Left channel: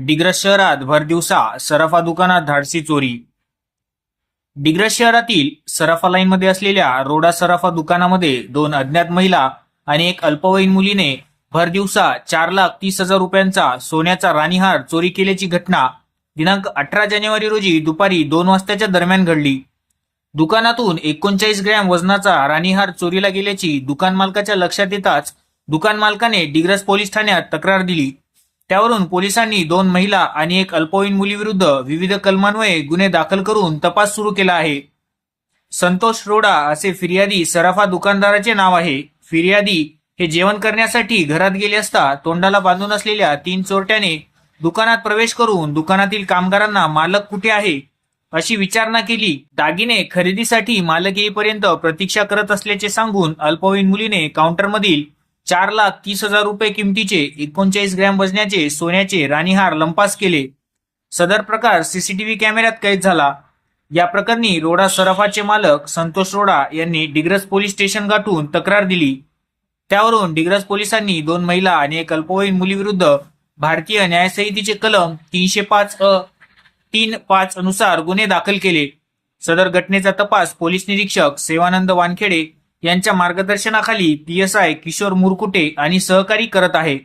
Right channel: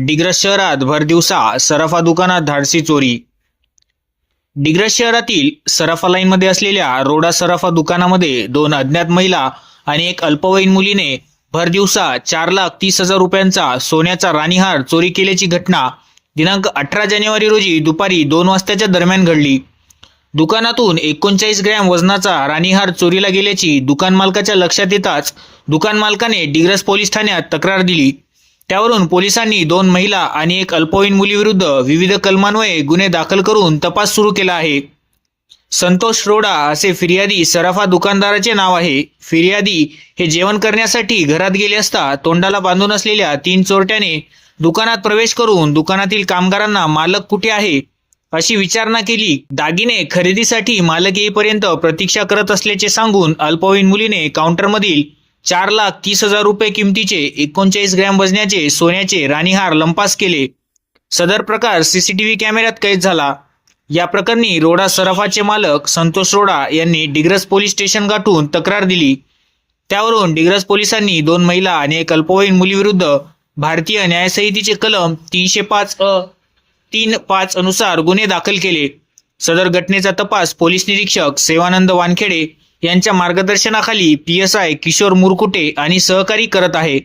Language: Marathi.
डिग्रस शहरात भरदिवसा सराफा दुकानात धाडसी चोरी. डिग्रस शहरातील सराफा लाईनमध्ये असलेल्या रोडा सराफा दुकानामध्ये दोन अज्ञात महिला आणि एक अल्पवयीन मुलीने भरदिवसा चार लाख तीस हजार रुपयांचा सोन्याचा राणीहार चोरी केल्याची घटना दिनांक अठरा जानेवारी रोजी दुपारी दोन वाजताच्या दरम्यान घडली. दुकानातून एकोणचाळीस ग्रॅम वजनाचा राणीहार चोरीला गेल्याची दुकान मालकाच्या लक्षात येताच दुकान मालकाने डिग्रस पोलीस ठाण्यात तक्रार दिली. त्यावरून पोलिसांनी दोन महिला आणि एक अल्पवयीन मुलीविरुद्ध विविध कलमान्वये गुन्हे दाखल करून तपास सुरू केला आहे. संतोष रोडा असे फिर्यादी सराफा दुकानदाराचे नाव आहे. फिर्यादी हे जेवण करण्यासाठी घरात गेले असता तोंडाला बांधून असलेल्या तीन चोरट्याने दुकानात प्रवेश करून दुकानातील कामगारांना मालक कुठे आहे? अशी विचारणा केली. दागिने खरेदीसाठी मालक येईपर्यंत प्रतीक्षा करत असल्याचे सांगून अल्पवयीन मुलीने काउंटरमधील चार लाख तीस हजार रुपये किमतीचे एकोणचाळीस ग्रॅम वजनाचे सोन्याचे राणीहार लंपास केले. सदर प्रकार सीसीटीव्ही कॅमेऱ्यात कैद झाला. या प्रकरणी रोडा सराफाचे मालक संतोष रोडा यांनी डिग्रस पोलीस स्टेशन गाठून तक्रार दिली. त्यावरून डिग्रस पोलिसांनी दोन महिला आणि एक अल्पवयीन मुलीविरुद्ध भारतीय न्यायसंहितेचे कलम तीनशे पाच अ तीन पाच अनुसार गुन्हे दाखल केले. सदर घटनेचा तपास पोलीस निरीक्षक सेवानंद वानखेडे यांच्या मार्गदर्शनाखाली P S I Kishor Murkute आणि सहकारी करत आहे.